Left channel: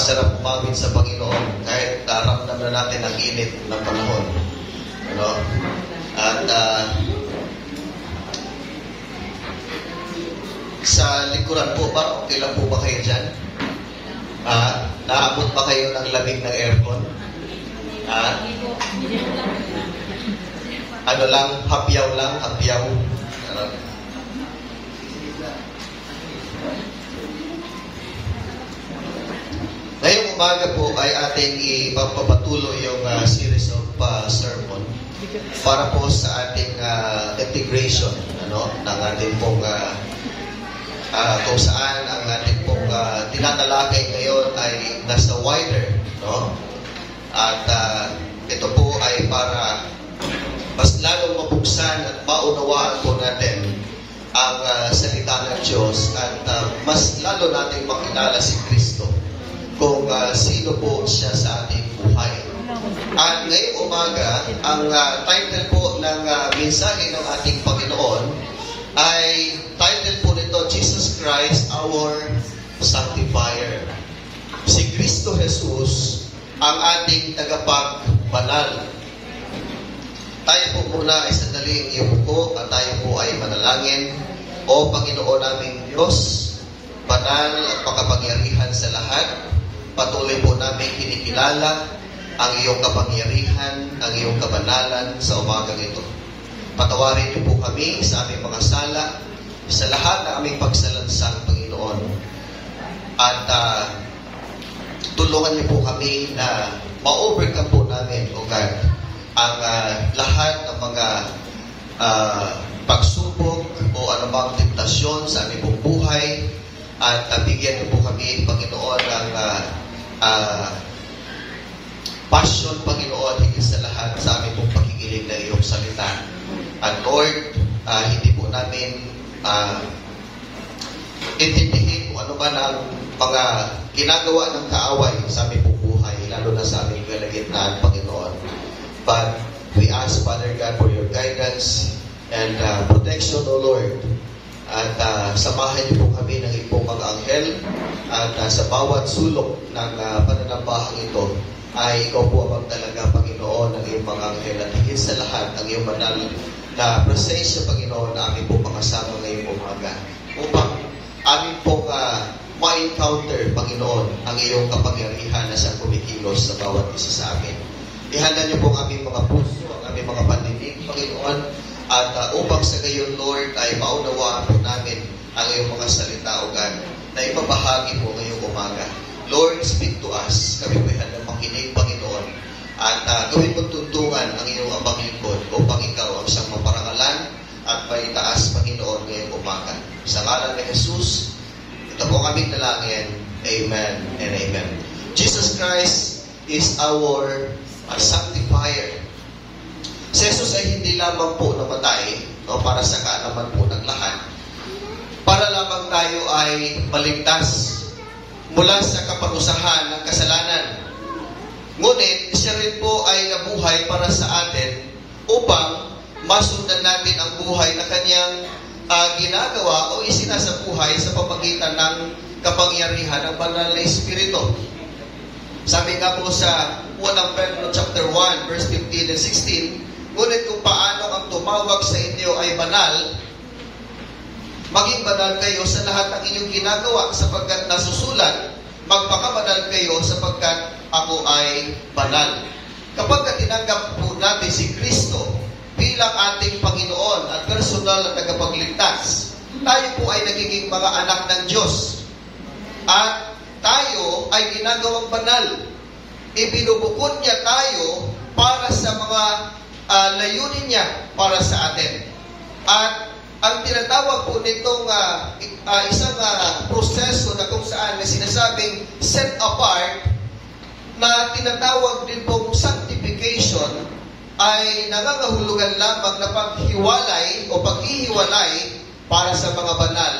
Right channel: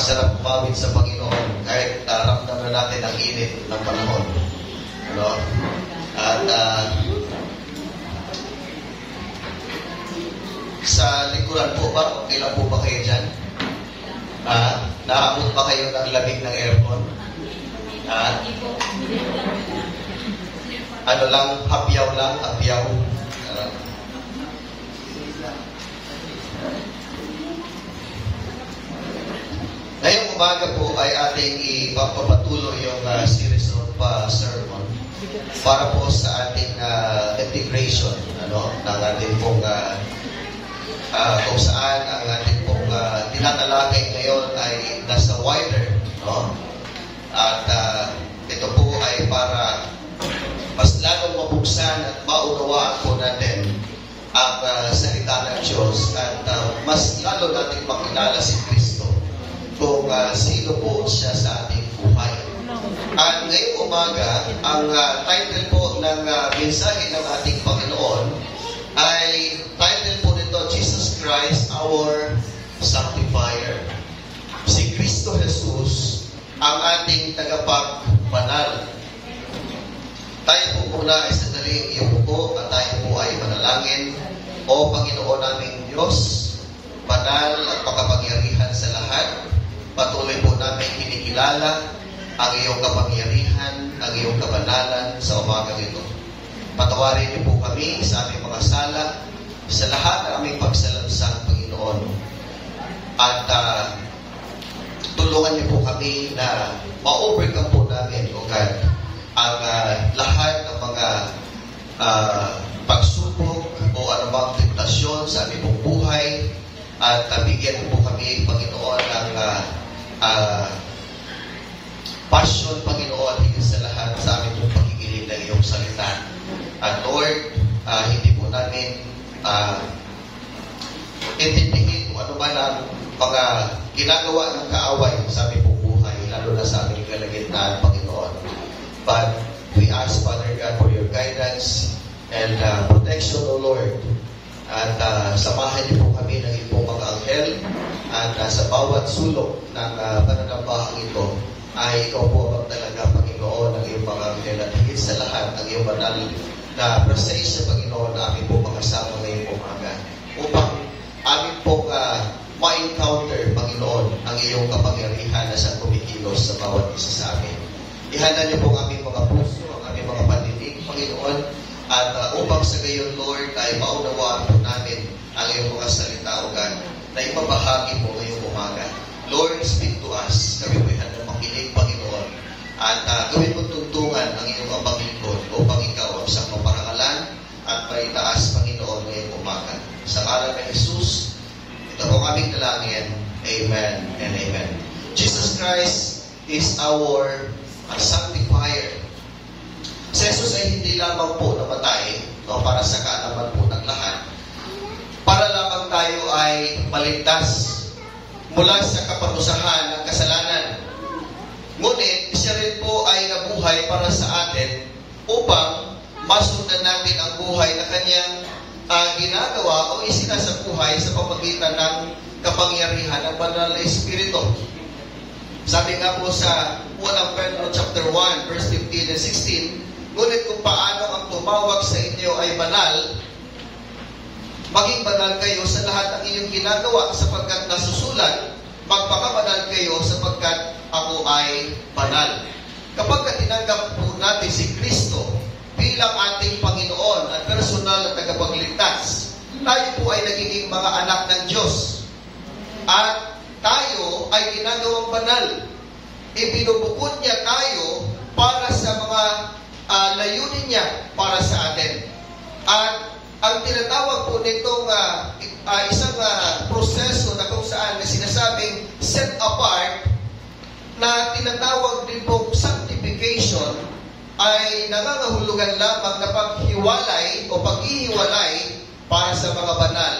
masarap umawit sa Panginoon kahit naramdaman natin ang init ng panahon. Ano? At sa likuran po ba, okay lang po ba kayo dyan? Naabot ba kayo ng lamig ng aircon? Ano lang, hapyaw lang, hapyaw. Ano? Ngayong umaga po ay ating ipapatuloy yung series of sermon para po sa ating integration, ano, ng ating pong kung saan ang ating pong tinatalakay ngayon ay nasa wider, no? At ito po ay para mas lalong mabuksan at maunawaan po natin ang salita ng Diyos at mas lalo natin makilala si Kristo kung sino po siya sa ating buhay. At ngayong umaga, ang title po ng mensahe ng ating Panginoon ay title po nito, Jesus Christ, our Sanctifier. Si Kristo Jesus ang ating tagapagbanal. Tayo po muna ay sandaling iupo at tayo po ay manalangin. O Panginoon naming Diyos, banal at makapangyarihan sa lahat, patuloy po namin kinikilala ang iyong kapangyarihan, ang iyong kabanalan sa umagang ito. Patawarin niyo po kami sa aming mga sala, sa lahat ng aming pagsalansang Panginoon. At tulungan niyo po kami na ma-overcome po namin, O God, ang lahat ng mga pagsubok o anumang tentasyon sa aming pong buhay. At bigyan po kami, Panginoon, ng passion, Panginoon, higit sa lahat sa aming pong pakikinig ng iyong salita. At Lord, hindi po namin intindihin kung ano ba ang mga ginagawa ng kaaway sa aming pong buhay, lalo na sa aming kalagitnaan, Panginoon. But we ask, Father God, for your guidance and protection, O Lord. At samahan niyo po kami ng iyong mga anghel at sa bawat sulok ng pananambahang ito ay ikaw po ang magdalaga, Panginoon, ng iyong mga anghel at higit sa lahat ang iyong banal na presensya, Panginoon, na aming po makasama ngayong umaga upang aming po ma-encounter, Panginoon, ang iyong kapangyarihan na sa kumikilos sa bawat isa sa amin. Ihanda niyo po ang aming mga puso, ang aming mga pandinig, Panginoon, at upang sa gayon, Lord, ay maunawaan po namin ang iyong mga salita, O God, na ipabahagi po ngayong umaga. Lord, speak to us. Kami po ihanda makinig, Panginoon. At gawin mo tuntungan ang iyong abang lingkod upang ikaw ang siyang maparangalan at maitaas, Panginoon, ngayong umaga. Sa ngalan ni Jesus, ito po aming dalangin. Amen and amen. Jesus Christ is our sanctifier. Si Jesus ay hindi lamang po namatay, no, para sa kaalaman po ng lahat, para lamang tayo ay maligtas mula sa kaparusahan ng kasalanan. Ngunit siya rin po ay nabuhay para sa atin upang masundan natin ang buhay na kanyang ginagawa o isinasabuhay sa pamamagitan ng kapangyarihan ng banal na Espiritu. Sabi nga po sa 1 Pedro chapter 1 verse 15 and 16, ngunit kung paano ang tumawag sa inyo ay banal, maging banal kayo sa lahat ng inyong ginagawa sapagkat nasusulat, magpakabanal kayo sapagkat ako ay banal. Kapag tinanggap po natin si Kristo bilang ating Panginoon at personal na tagapagligtas, tayo po ay nagiging mga anak ng Diyos. At tayo ay ginagawang banal. Ibinubukod niya tayo para sa mga layunin niya para sa atin. At ang tinatawag po nitong isang proseso na kung saan na sinasabing set apart, na tinatawag din pong sanctification, ay nangangahulugan lamang na paghiwalay o paghihiwalay para sa mga banal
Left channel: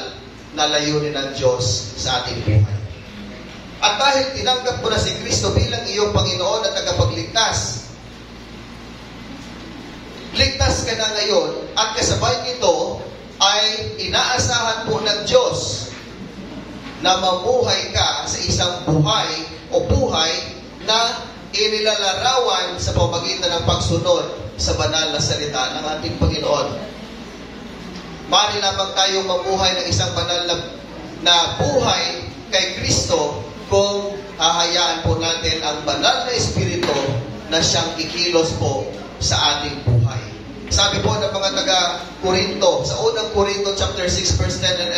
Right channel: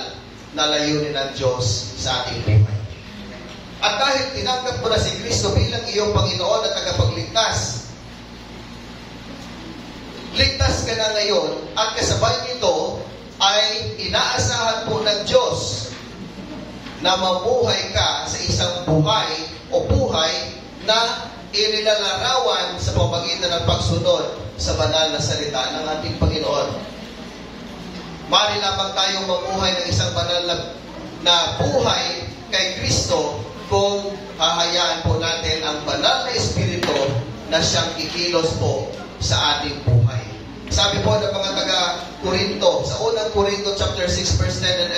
na layunin ng Diyos sa ating buhay. At dahil tinanggap mo na si Kristo bilang iyong Panginoon at tagapagligtas, ligtas ka na ngayon at kasabay nito ay inaasahan po ng Diyos na mabuhay ka sa isang buhay o buhay na inilalarawan sa pamamagitan ng pagsunod sa banal na salita ng ating Panginoon. Maaari lamang tayong mamuhay ng isang banal na buhay kay Kristo kung hahayaan po natin ang banal na Espiritu na siyang kikilos po sa ating buhay. Sabi po ng mga taga-Korinto, sa unang Korinto chapter 6 verse 10 and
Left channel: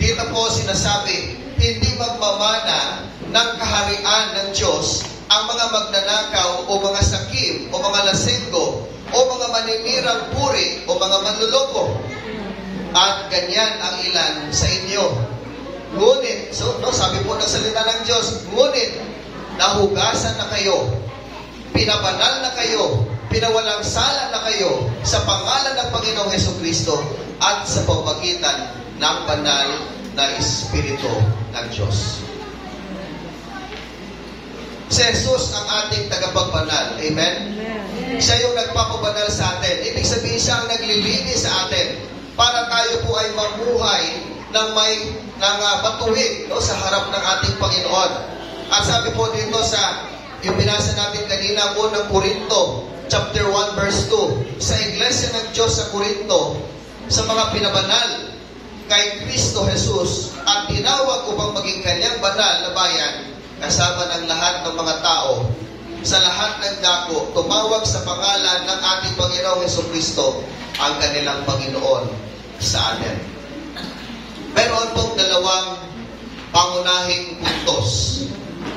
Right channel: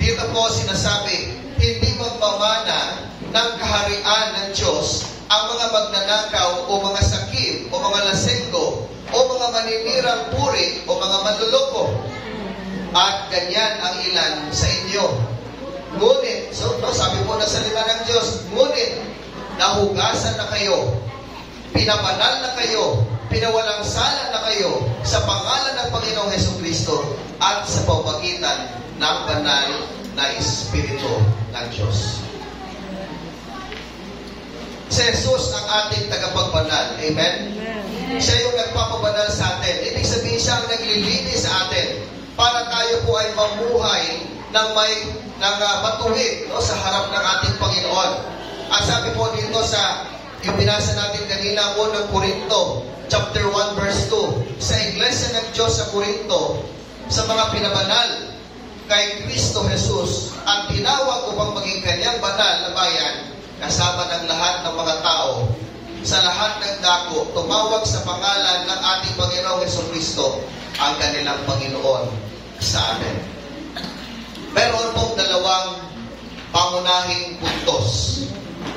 11, dito po sinasabi, hindi magmamana ng kaharian ng Diyos ang mga magnanakaw o mga sakim o mga lasenggo o mga maninirang puri o mga manluloko. At ganyan ang ilan sa inyo. Ngunit, sabi po ng salita ng Diyos, ngunit nahugasan na kayo, pinabanal na kayo, pinawalang sala na kayo sa pangalan ng Panginoong Hesukristo at sa pamamagitan ng banal na Espiritu ng Diyos. Si Jesus ang ating tagapagbanal. Amen? Siya yung nagpapabanal sa atin. Ibig sabihin siya ang naglilinis sa atin para tayo po ay mamuhay ng matuwid sa harap ng ating Panginoon. At sabi po dito sa yung binasa natin kanina po ng Korinto, chapter 1, verse 2, sa Iglesia ng Diyos sa Korinto, sa mga pinabanal kay Kristo Jesus at tinawag upang maging kanyang banal na bayan, kasama ng lahat ng mga tao, sa lahat ng dako, tumawag sa pangalan ng ating Panginoong Hesukristo, ang kanilang Panginoon sa atin. Meron pong dalawang pangunahing puntos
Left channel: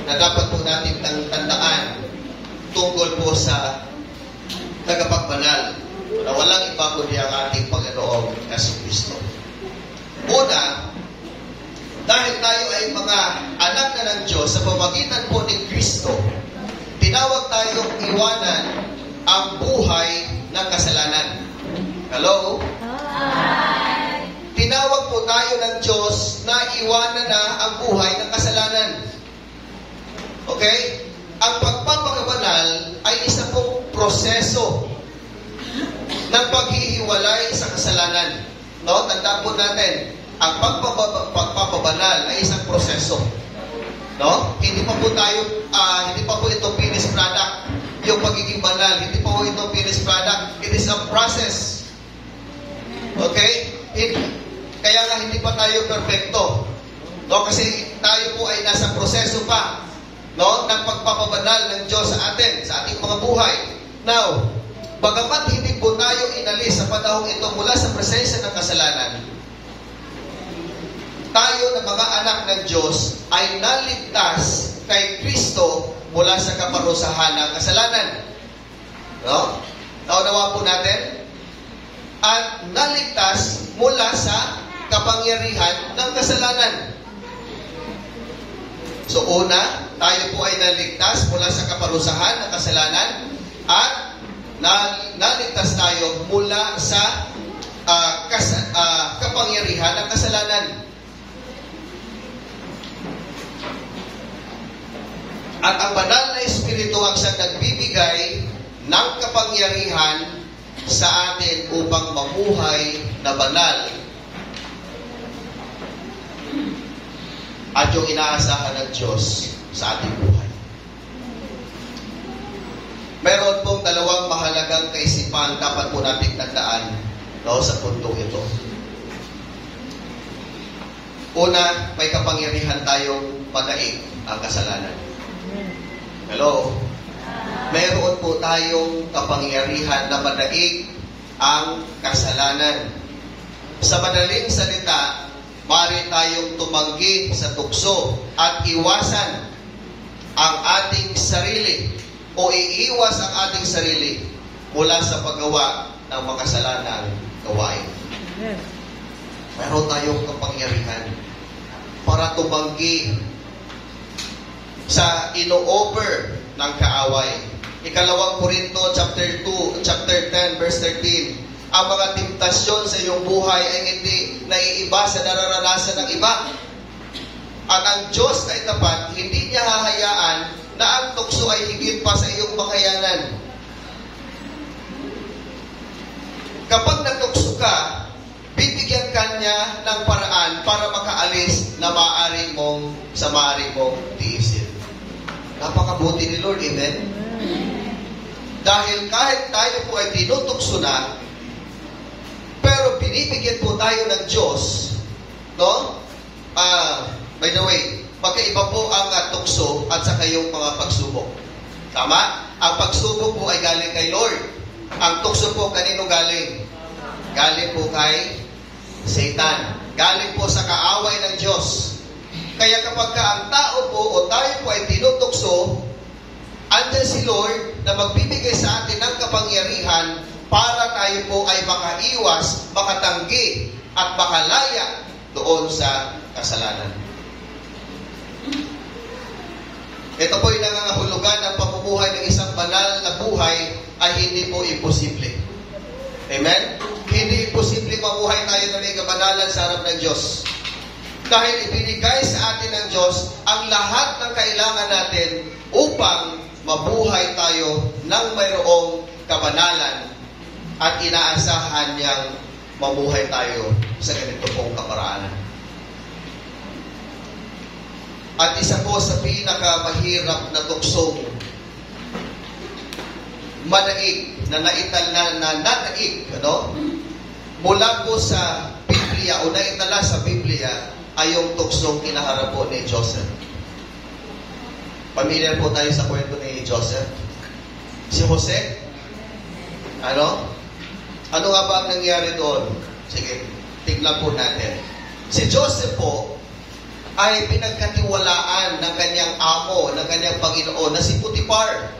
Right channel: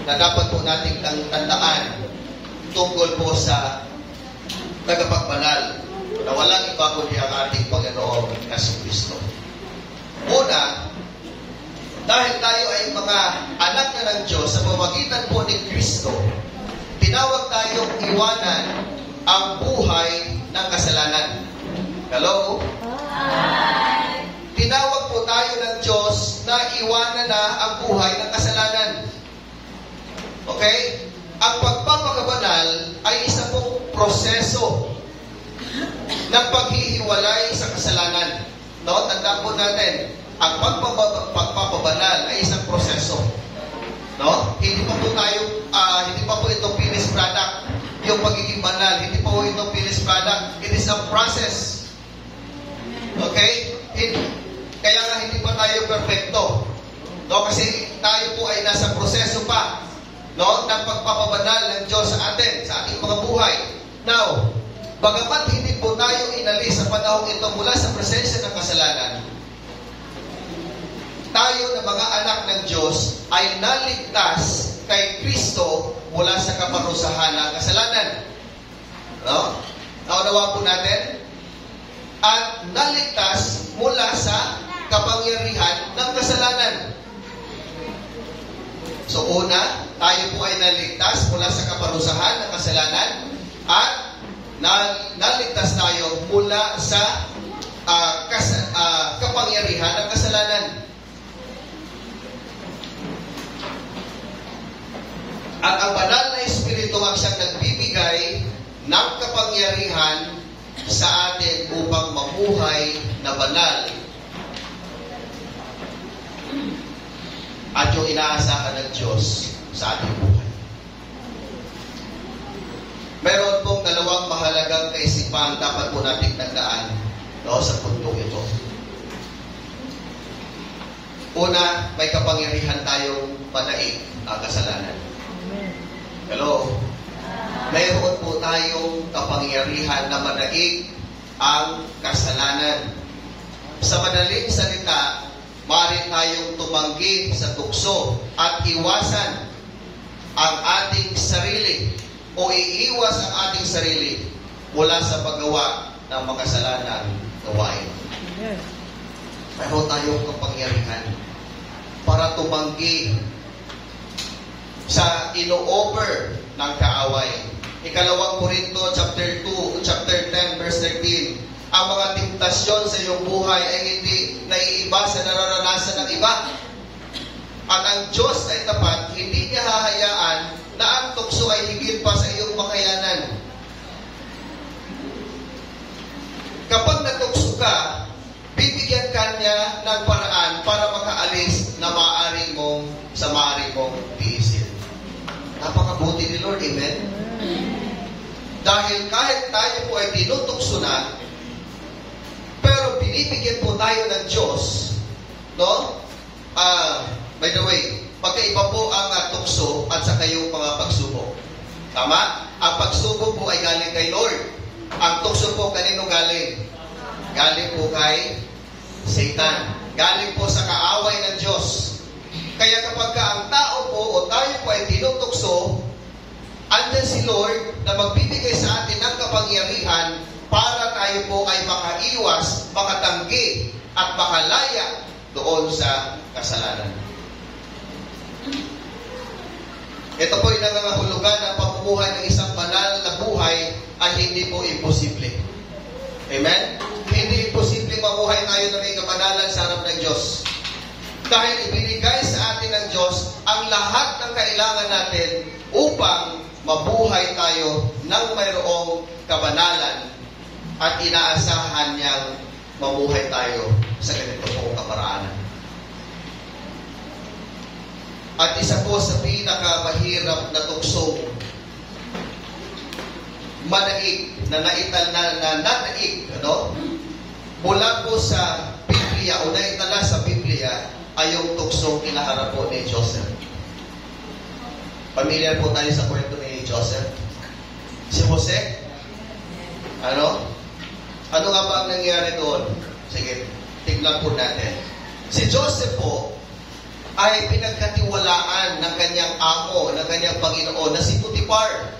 na dapat po natin tandaan tungkol po sa tagapagbanal na walang iba kundi ang ating Panginoon na si Kristo. Una, dahil tayo ay mga anak na ng Diyos sa pamamagitan po ni Kristo, tinawag tayong iwanan ang buhay ng kasalanan. Hello? Hi! Tinawag po tayo ng Diyos na iwanan na ang buhay ng kasalanan. Okay? Ang pagpapakabanal ay isa pong proseso ng paghihiwalay sa kasalanan. No? Tandaan po natin, ang pagpapabanal ay isang proseso. No? Hindi pa po ito finished product. Yung pagiging banal, hindi pa po ito finished product. It is a process. Okay? Kaya nga hindi pa tayo perfecto. No? Kasi tayo po ay nasa proseso pa, no, ng pagpapabanal ng Diyos sa atin, sa ating mga buhay. Now, bagamat hindi po tayo inalis sa panahong ito mula sa presensya ng kasalanan, tayo na mga anak ng Diyos ay naligtas kay Kristo mula sa kaparusahan ng kasalanan. No? Naunawa po natin? At naligtas mula sa kapangyarihan ng kasalanan. So una, tayo po ay naligtas mula sa kaparusahan ng kasalanan at naligtas tayo mula sa kapangyarihan ng kasalanan. At ang banal na Espiritu ang siyang nagbibigay ng kapangyarihan sa atin upang mamuhay na banal at yung inaasahan ng Diyos sa ating buhay. Meron pong dalawang mahalagang kaisipan dapat po natin tandaan, no, sa pundong ito. Una, may kapangyarihan tayong manaig ang kasalanan. Hello? Meron po tayong kapangyarihan na manaig ang kasalanan. Sa madaling salita, maaari tayong tumanggi sa tukso at iwasan ang ating sarili o iiwas ang ating sarili mula sa paggawa ng makasalanan gawain. Meron tayong kapangyarihan para tumanggi sa ino-offer ng kaaway. Ikalawang Korinto chapter 10 verse 13. Ang mga temptasyon sa iyong buhay ay hindi naiiba sa nararanasan ng iba. At ang Diyos ay tapat, hindi niya hahayaan na ang tukso ay higit pa sa iyong makayanan. Kapag natukso ka, bibigyan ka niya ng paraan para makaalis na maaari mong tiisin. Napakabuti ni Lord, amen? Dahil kahit tayo po ay tinutukso na, pero binibigyan po tayo ng Diyos, no? By the way, magkaiba po ang tukso at saka yung mga pagsubok. Tama? Ang pagsubok po ay galing kay Lord. Ang tukso po kanino galing? Galing po kay Satan. Galing po sa kaaway ng Diyos. Kaya kapag ang tao po o tayo po ay tinutukso, andyan si Lord na magbibigay sa atin ng kapangyarihan para tayo po ay makaiwas, makatanggi at makalaya doon sa kasalanan. Ito po yung nangangahulugan ng pamumuhay ng isang banal na buhay ay hindi po imposible. Amen? Hindi imposible mabuhay tayo na may kabanalan sa harap ng Diyos. Dahil ibinigay sa atin ng Diyos ang lahat ng kailangan natin upang mabuhay tayo ng mayroong kabanalan at inaasahan niyang mabuhay tayo sa ganito pong kaparaanan. At isa po sa pinakamahirap na tuksong madaig na nanaig, ano? Mula po sa Biblia o naitala sa Biblia ay yung tuksong kinaharap po ni Joseph. Pamilyar po tayo sa kwento ni Joseph. Si Jose, ano nga ba ang nangyari doon? Sige, tignan po natin. Si Joseph po ay pinagkatiwalaan ng kanyang amo, ng kanyang Panginoon na si Potiphar.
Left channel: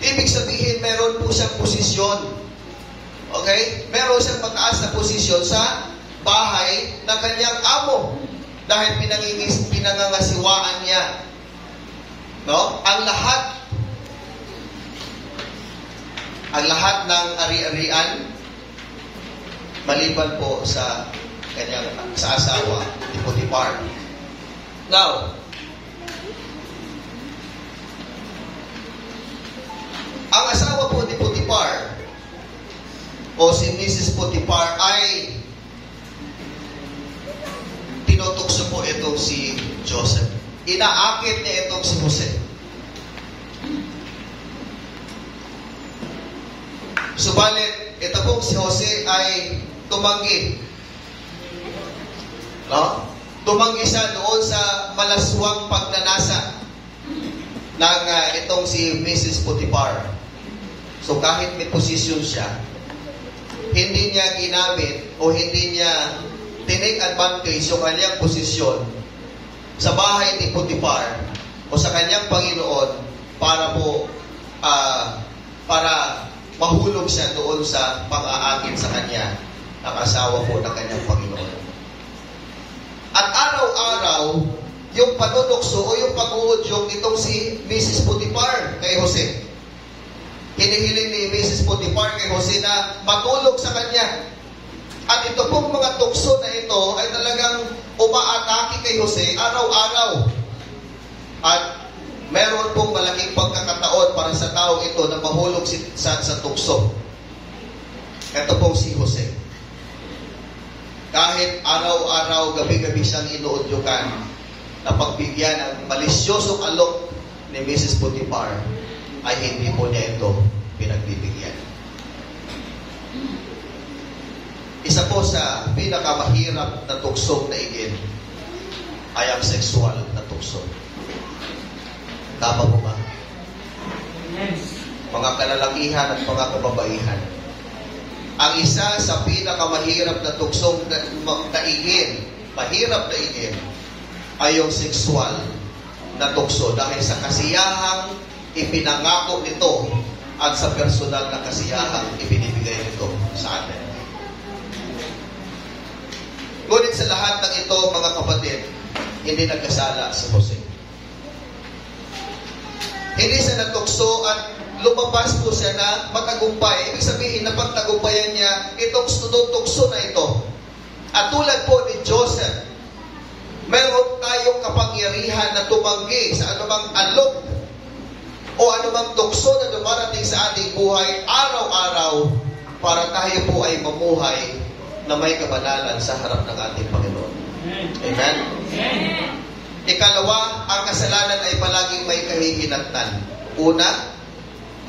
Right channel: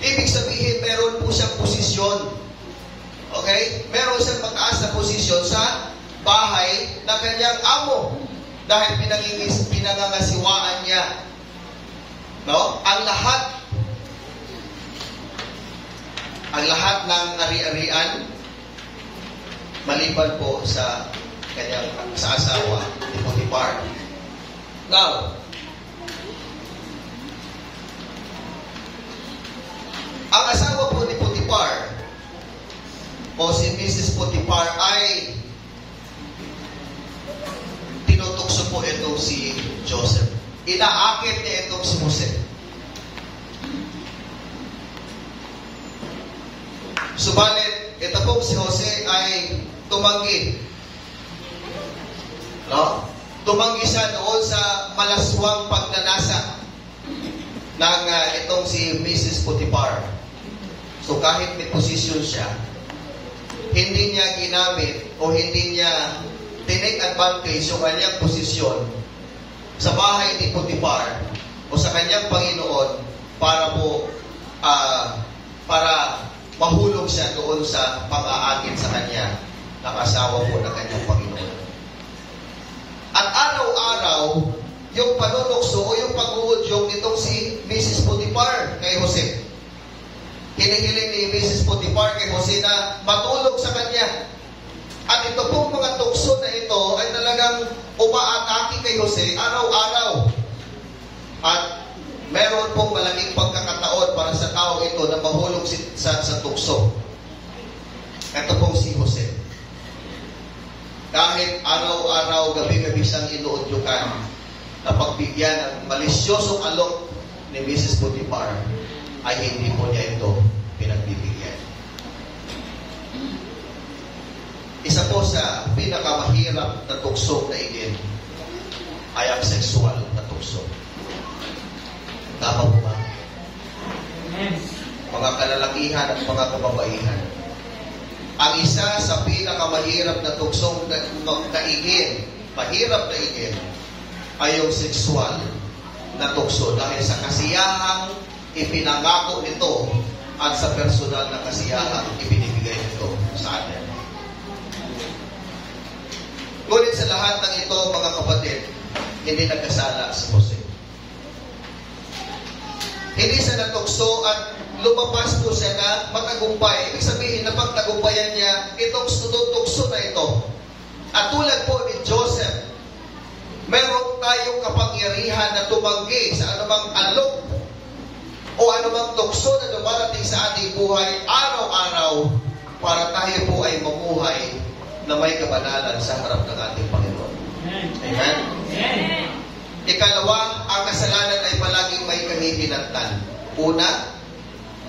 Ibig sabihin, meron po siyang posisyon. Okay? Meron siyang mataas na posisyon sa bahay ng kanyang amo. Dahil pinangangasiwaan niya. No? Ang lahat ng ari-arian, maliban po sa kanyang sa asawa ni Potiphar. Now, ang asawa po ni Potiphar o si Mrs. Potiphar ay tinutukso po itong si Joseph. Inaakit niya itong si Jose. Subalit, ito po si Jose ay tumanggi. No? Tumanggi siya noon sa malaswang pagnanasa ng itong si Mrs. Potiphar. So kahit may posisyon siya, hindi niya ginamit o hindi niya tinake advantage yung kanyang posisyon sa bahay ni Potiphar o sa kanyang Panginoon para po para mahulog siya doon sa pang-aakit sa kanya ng asawa po ng kanyang Panginoon. At araw-araw, yung panunukso o yung pag-uudyong nitong si Mrs. Potiphar kay Jose. Hinihiling ni Mrs. Potiphar kay Jose na matulog sa kanya. At ito pong mga tukso na ito ay talagang umaatake kay Jose araw-araw. At meron pong malaking pagkakataon para sa tao ito na mahulog sa tukso. Ito pong si Jose. Kahit araw-araw, gabi-gabi siyang inuudyukan na pagbigyan ng malisyosong alok ni Mrs. Potiphar, ay hindi po niya ito pinagbibigyan. Isa po sa pinakamahirap na tukso na igin ay ang sexual na tukso. Tama po ba? Mga kalalakihan at mga kababaihan. Ang isa sa pinakamahirap na tuksong naigin, mahirap na igin, ay yung sexual na tukso dahil sa kasiyahang ipinangako nito at sa personal na kasiyahang ibinibigay nito sa atin. Ngunit sa lahat ng ito, mga kapatid, hindi nagkasala si Jose. Hindi siya natukso at lumabas po siya na matagumpay. Ibig sabihin na pagtagumpayan niya itong tukso na ito. At tulad po ni Joseph, meron tayong kapangyarihan na tumanggi sa anumang alok o anumang tukso na lumarating sa ating buhay araw-araw para tayo po ay mamuhay na may kabanalan sa harap ng ating Panginoon. Amen? Amen. Ikalawa, ang kasalanan ay palagi kahihinatnan. Una,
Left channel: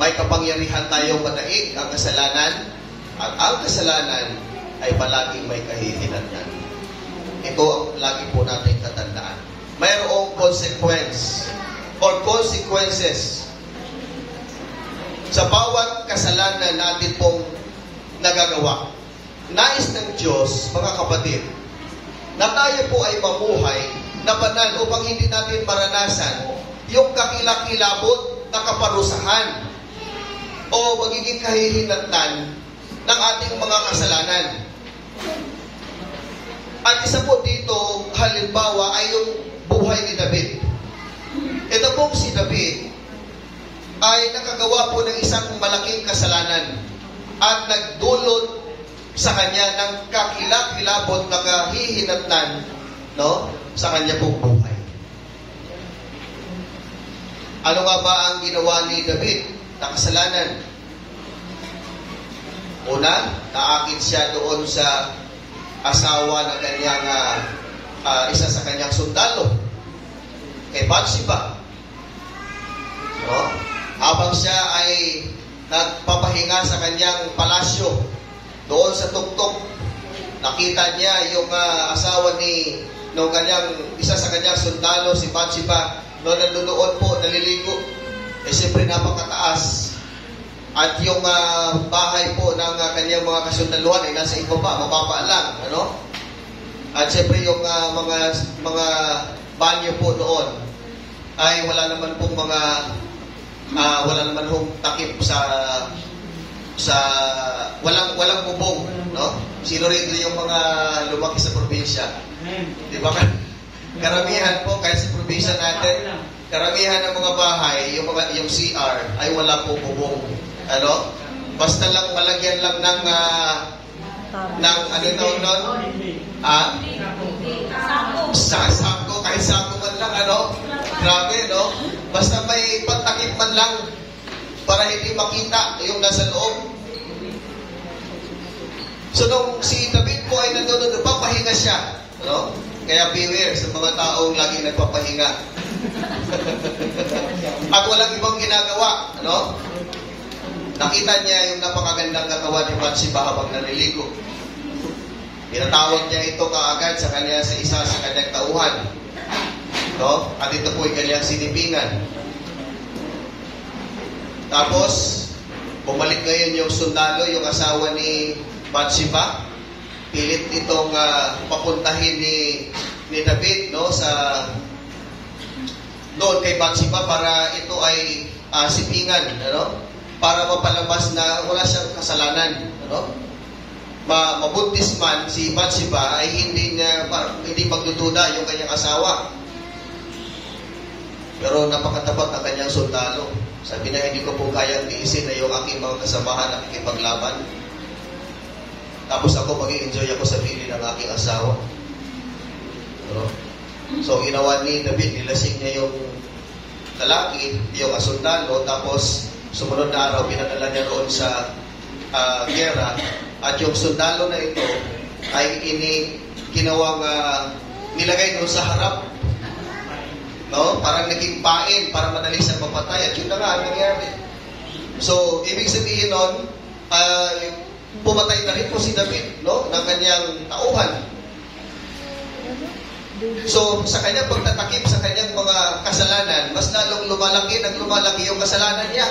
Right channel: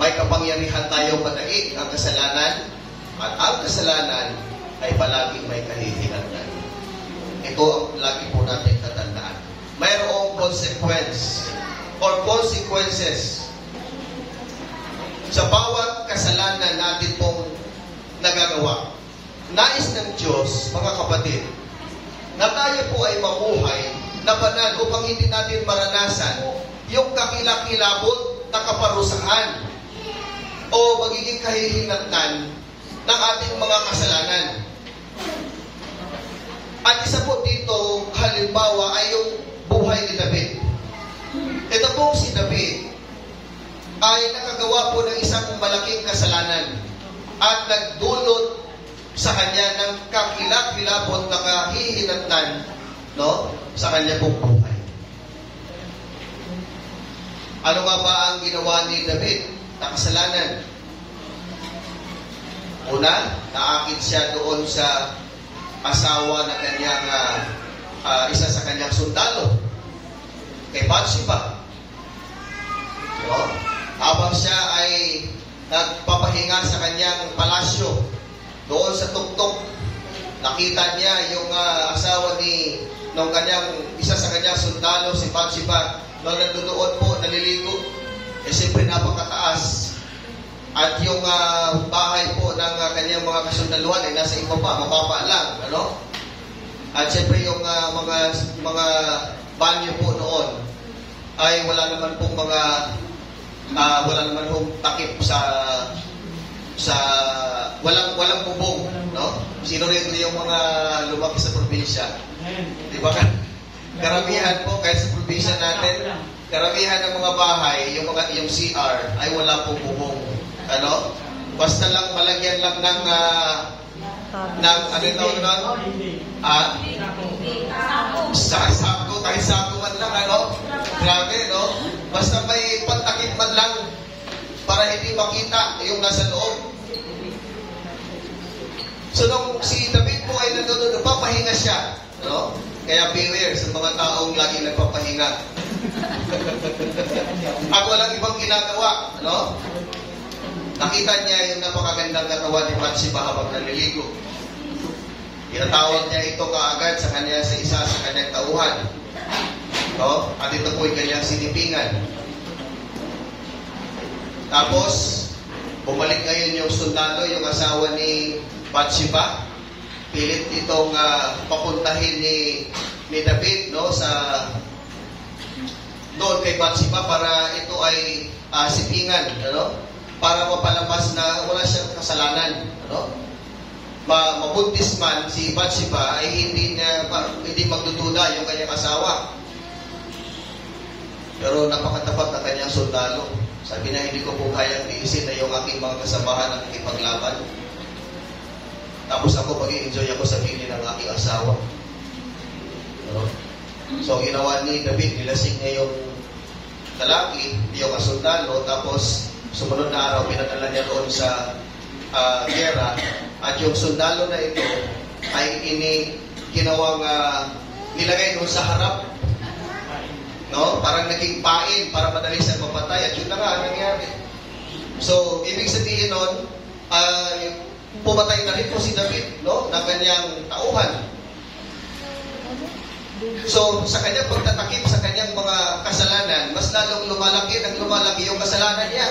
may kapangyarihan tayong manaig ang kasalanan, at ang kasalanan ay palaging may kahihinatnan. Ito ang lagi po natin tatandaan. Mayroong consequence or consequences sa bawat kasalanan natin pong nagagawa. Nais ng Diyos, mga kapatid, na tayo po ay mamuhay na banal upang hindi natin maranasan yung kakilakilabot na kaparusahan o magiging kahihinatnan ng ating mga kasalanan. At isa po dito, halimbawa, ay yung buhay ni David. Ito pong si David ay nakagawa po ng isang malaking kasalanan at nagdulot sa kanya ng kakilak-kilabot na kahihinatnan, no, sa kanya pong buhay. Ano nga ba ang ginawa ni David na kasalanan? Una, naakit siya doon sa asawa na kanyang isa sa kanyang sundalo, kay Bathsheba. No? Habang siya ay nagpapahinga sa kanyang palasyo, doon sa tuktok, nakita niya yung asawa ni nung kanyang isa sa kanyang sundalo, si Bathsheba, no, nandoon po, naliligo. Eh, siyempre napakataas. At yung bahay po ng kanyang mga kasundaluhan ay nasa ibaba, mababa lang, ano? At siyempre yung mga banyo po noon ay wala naman pong wala naman pong takip sa walang bubong, no? Sino rin yung mga lumaki sa probinsya? Di ba? Karamihan po, kahit sa probinsya natin, karamihan ng mga bahay, yung CR, ay wala pong bubong. Ano? Basta lang malagyan lang ng ano ito nun? Sako, kahit sako man lang, ano? Grabe, no? Basta may pantakip man lang para hindi makita yung nasa loob. So, nung si David po ay nandun, nagpapahinga siya, no? Kaya beware sa mga taong laging nagpapahinga. At walang ibang ginagawa, ano? Nakita niya yung napakagandang katawan ni Bathsheba habang naliligo. Tinatawag niya ito kaagad sa kanya sa isa sa kanyang tauhan. No? At ito po ay kanyang sinipingan. Tapos, bumalik ngayon yung sundalo, yung asawa ni Bathsheba. Pilit itong papuntahin ni David, no, sa doon kay Bathsheba para ito ay sipingan, ano? Para mapalabas na wala siyang kasalanan, ano? Mabuntis man si Bathsheba ay hindi magdududa yung kanyang asawa. Pero napakatapat na kanyang sundalo. Sabi na, hindi ko po kayang tiisin na yung aking mga kasamahan at ikipaglaban. Tapos ako mag-i-enjoy ako sa bili ng aking asawa. No? So, ginawa ni David, nilasing niya yung lalaki, yung sundalo, tapos sumunod na araw, pinadala niya doon sa gera. At yung sundalo na ito ay ginawang nilagay doon sa harap. No? Parang naging pain para madali sa papatay. At yun na nga ang nangyari. So, ibig sabihin nun, pumatay na rin po si David, no, ng kanyang tauhan. So, sa kanyang pagtatakip sa kanyang mga kasalanan, mas lalong lumalaki yung kasalanan niya.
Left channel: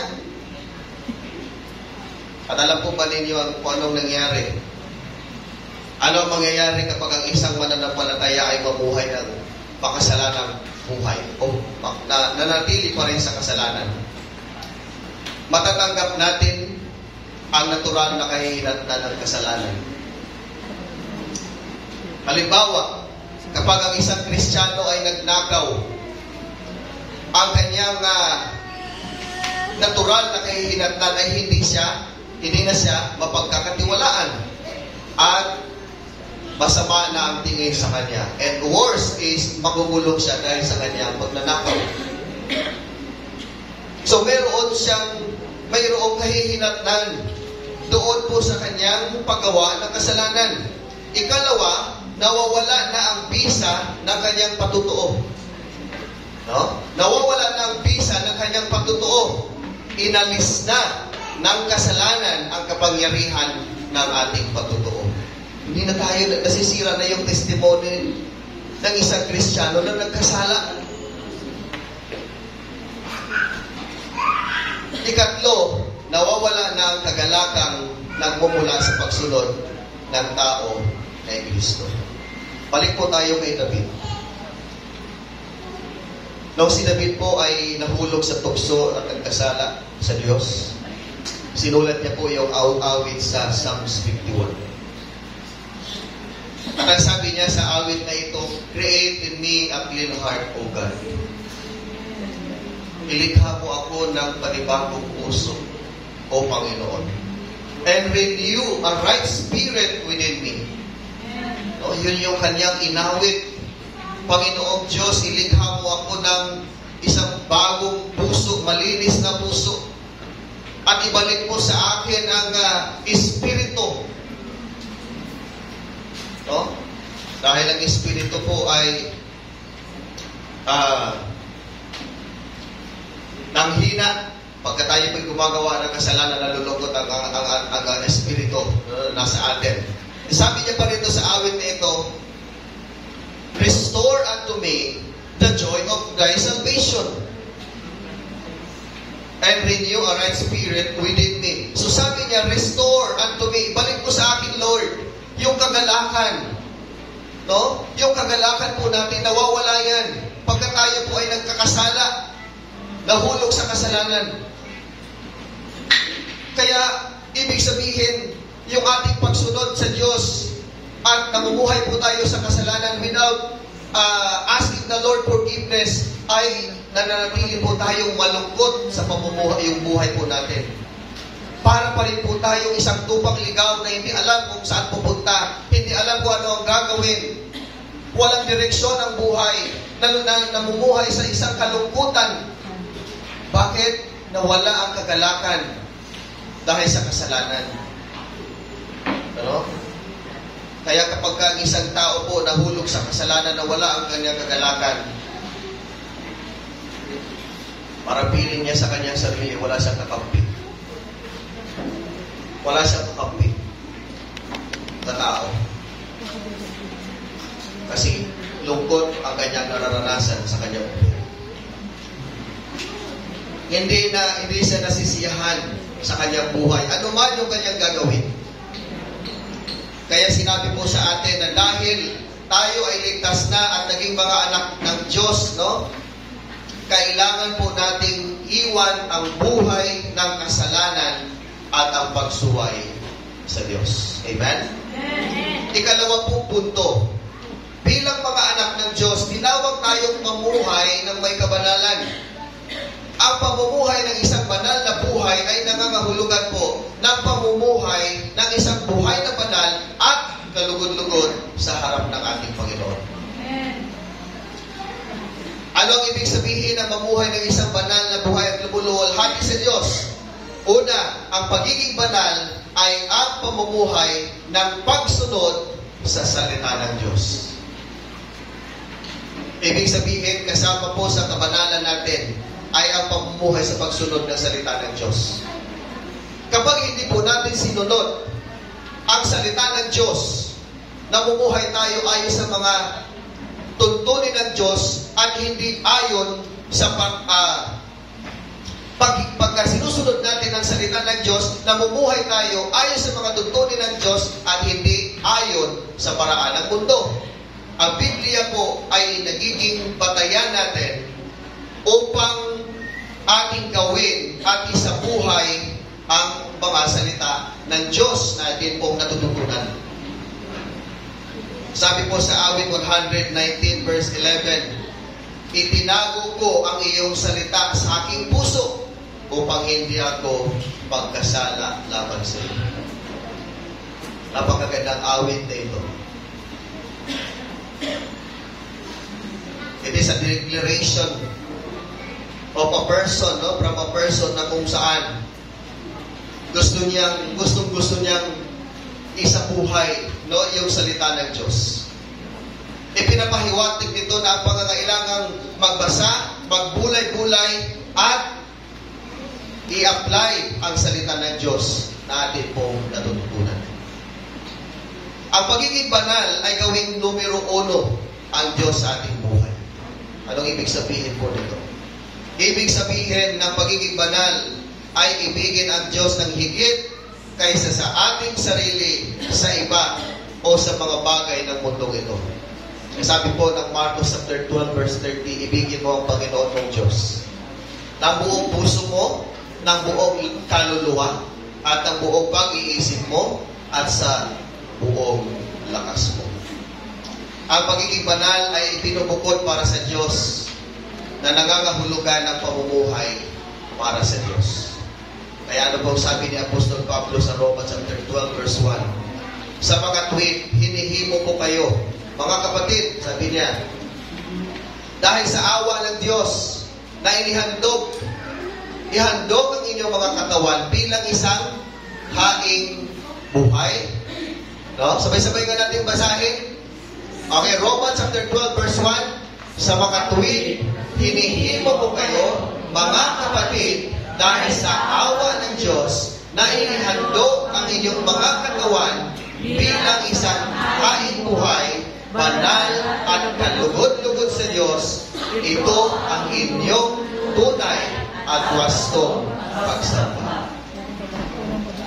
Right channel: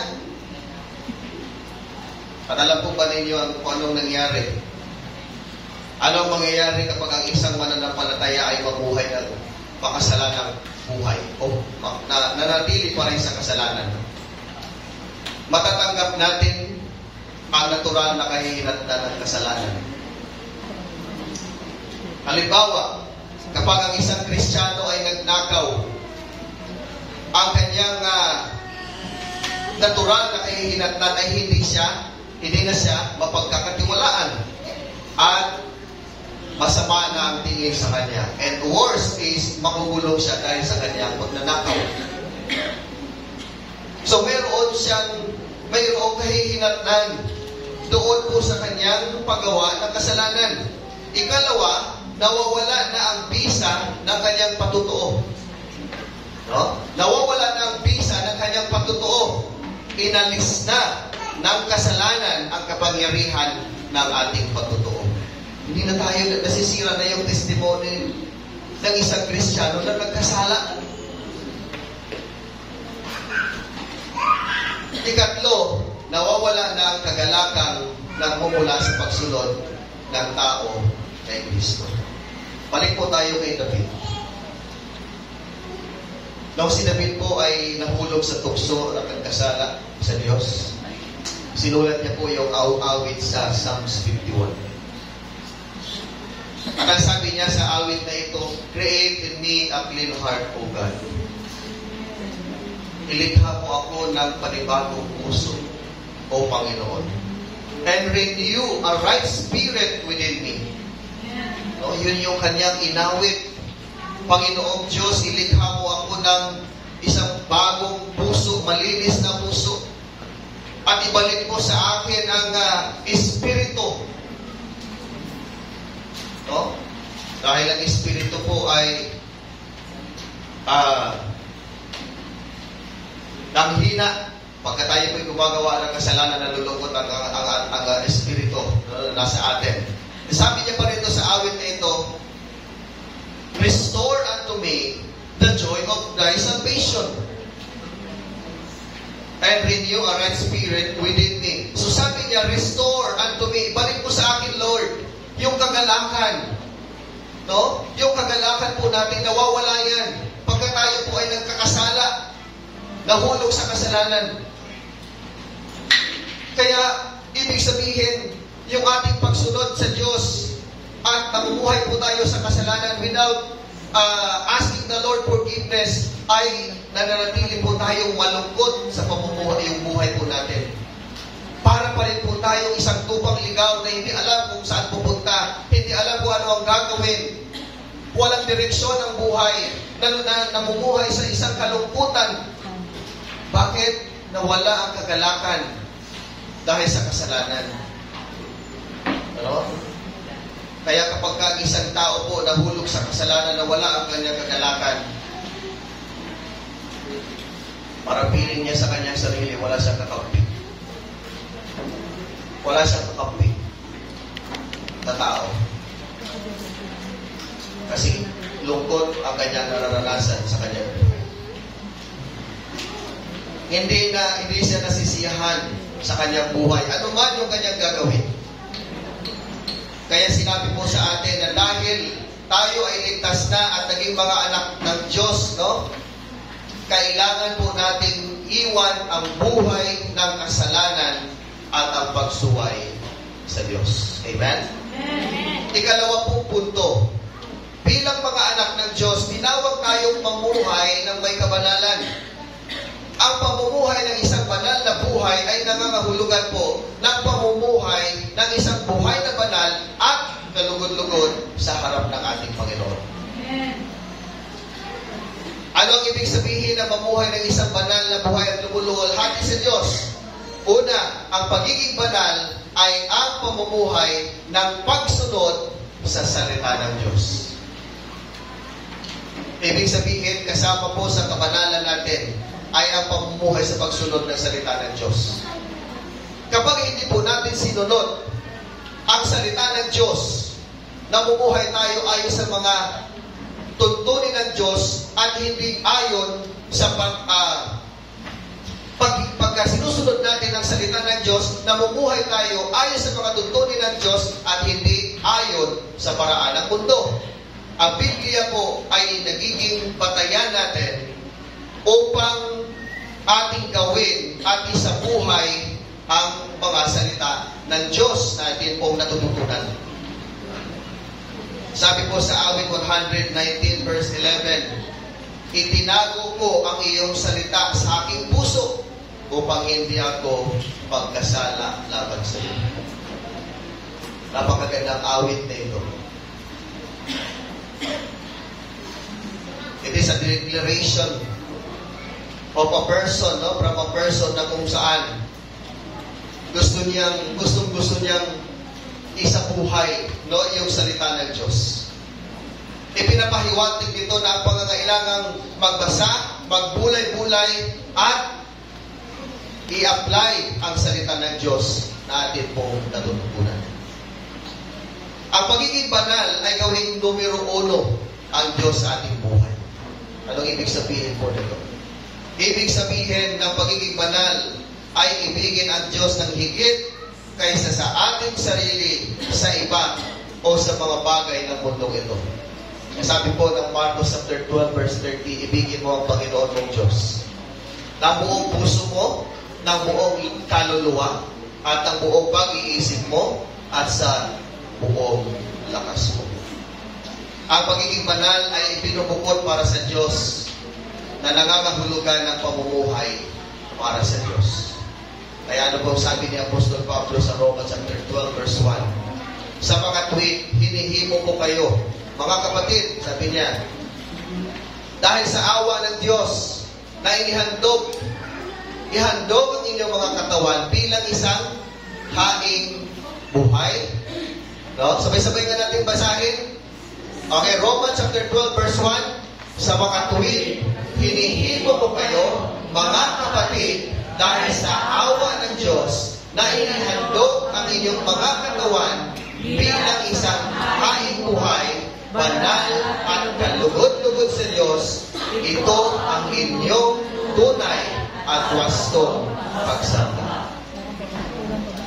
At alam po ba ninyo kung anong nangyari? Ano ang mangyayari kapag ang isang mananampalataya ay mabuhay ng makasalanang buhay o nanatili pa rin sa kasalanan? Matatanggap natin ang natural na kahihinatnan ng kasalanan. Halimbawa, kapag ang isang Kristiyano ay nagnakaw, ang kanyang natural na kahihinatnan ay hindi na siya mapagkakatiwalaan at masama na ang tingin sa kanya. And worst is, magugulong siya dahil sa kanyang pagnanakaw. So, mayroong kahihinatnan doon po sa kanyang paggawa ng kasalanan. Ikalawa, nawawala na ang bisa ng kanyang patutuo. No? Nawawala na ang bisa ng inalis na ng kasalanan ang kapangyarihan ng ating pagtotoo. Hindi na tayo nasisira na yung testimony ng isang Kristiyano na nagkasala. Ikatlo, nawawala na ang kagalakang nagmumula sa pagsunod ng tao kay Kristo. Balik po tayo kay David. Nung si David po ay nahulog sa tukso at nagkasala sa Diyos, sinulat niya po yung awit sa Psalms 51. At ang sabi niya sa awit na ito, "Create in me a clean heart, O God. Ilikha mo ako ng panibagong puso, O Panginoon. And renew a right spirit within me." O, yun yung kanyang inawit. Panginoong Diyos, ilikha mo ako ng isang bagong puso, malinis na puso. At ibalik mo sa akin ang espiritu. No? Dahil ang espiritu po ay nanghina. Pagka tayo po'y gumagawa ng kasalanan, nalulungkot ang espiritu nasa atin. Sabi niya pa rin sa awit na ito, "Restore unto me the joy of thy salvation, and renew a right spirit within me." So sabi niya, restore unto me. Balik mo sa akin, Lord, yung kagalakan. No? Yung kagalakan po natin, nawawala yan. Pagka tayo po ay nagkakasala, nahulog sa kasalanan. Kaya, ibig sabihin, yung ating pagsunod sa Diyos at namumuhay po tayo sa kasalanan without asking the Lord forgiveness, ay nananatili po tayong malungkot sa pamumuhay, yung buhay po natin. Para pa rin po tayong isang tupang ligaw na hindi alam kung saan pupunta, hindi alam kung ano ang gagawin. Walang direksyon ang buhay, namumuhay sa isang kalungkutan. Bakit? Nawala ang kagalakan dahil sa kasalanan. Ano? Kaya kapag ang isang tao po nahulog sa kasalanan, nawala ang kanyang kagalakan, parang piling niya sa kanyang sarili, wala siyang kakampi. Wala siyang kakampi na tao. Kasi lungkot ang kanyang nararanasan sa kanyang buhay. Hindi siya nasisiyahan sa kanyang buhay. Ano man yung kanyang gagawin. Kaya sinabi po sa atin na dahil tayo ay ligtas na at naging mga anak ng Diyos, no? Kailangan po nating iwan ang buhay ng kasalanan at ang pagsuway sa Diyos. Amen? Ikalawa pong punto. Bilang mga anak ng Diyos, tinawag tayong mamuhay ng may kabanalan. Ang pamumuhay ng isang banal na buhay ay nangangahulugan po ng pamumuhay ng isang buhay na banal at kalugod-lugod sa harap ng ating Panginoon. Ano ang ibig sabihin ng mamuhay ng isang banal na buhay at lumuluwalhati sa Diyos? Una, ang pagiging banal ay ang pamumuhay ng pagsunod sa salita ng Diyos. Ibig sabihin, kasama po sa kabanalan natin ay ang pamumuhay sa pagsunod ng salita ng Diyos. Kapag hindi po natin sinunod ang salita ng Diyos, namumuhay tayo ayon sa mga tuntunin ng Diyos at hindi ayon sa pagka sinusunod natin ang salita ng Diyos, namumuhay tayo ayon sa mga tuntunin ng Diyos at hindi ayon sa paraan ng mundo. Ang Biblia po ay nagiging batayan natin upang ating gawin at isabuhay ang mga salita ng Diyos na atin pong natututunan. Sabi po sa awit 119 verse 11, "Itinago ko ang iyong salita sa aking puso upang hindi ako pagkasala laban sa iyo." Napakagandang awit na ito. It is a declaration of a person, no? From a person na kung saan gusto niyang isabuhay, no, yung salita ng Diyos. Ipinapahiwatig nito na ang pangangailangang magbasa, magbulay-bulay, at i-apply ang salita ng Diyos na atin pong natutunan. Ang pagiging banal ay gawing numero 1 ang Diyos sa ating buhay. Anong ibig sabihin po nito? Ibig sabihin ng pagiging banal ay ibigin ang Diyos ng higit kaysa sa ating sarili, sa iba, o sa mga bagay ng mundong ito. Sabi po ng Marcos 12 verse 30, ibigin mo ang Panginoon mong Diyos ng buong puso mo, ng buong kaluluwa, at ng buong pag-iisip mo, at sa buong lakas mo. Ang pagiging banal ay ipinubukod para sa Diyos na nangangahulugan ng pamumuhay para sa Diyos. Kaya ano pong sabi ni Apostol Pablo sa Romans 12 verse 1, sa mga tuwid, hinihimo ko kayo, mga kapatid, sabi niya, dahil sa awa ng Diyos na ihandog ang inyong mga katawan bilang isang haing buhay. No? Sabay-sabay nga natin basahin. Okay, Romans 12 verse 1, sa mga tuwid, hinihimo ko kayo, mga kapatid, dahil sa awa ng Diyos na inihandog ang inyong mga katawan bilang isang haing buhay, banal at kalugod-lugod sa Diyos. Ito ang inyong tunay at wastong pagsamba.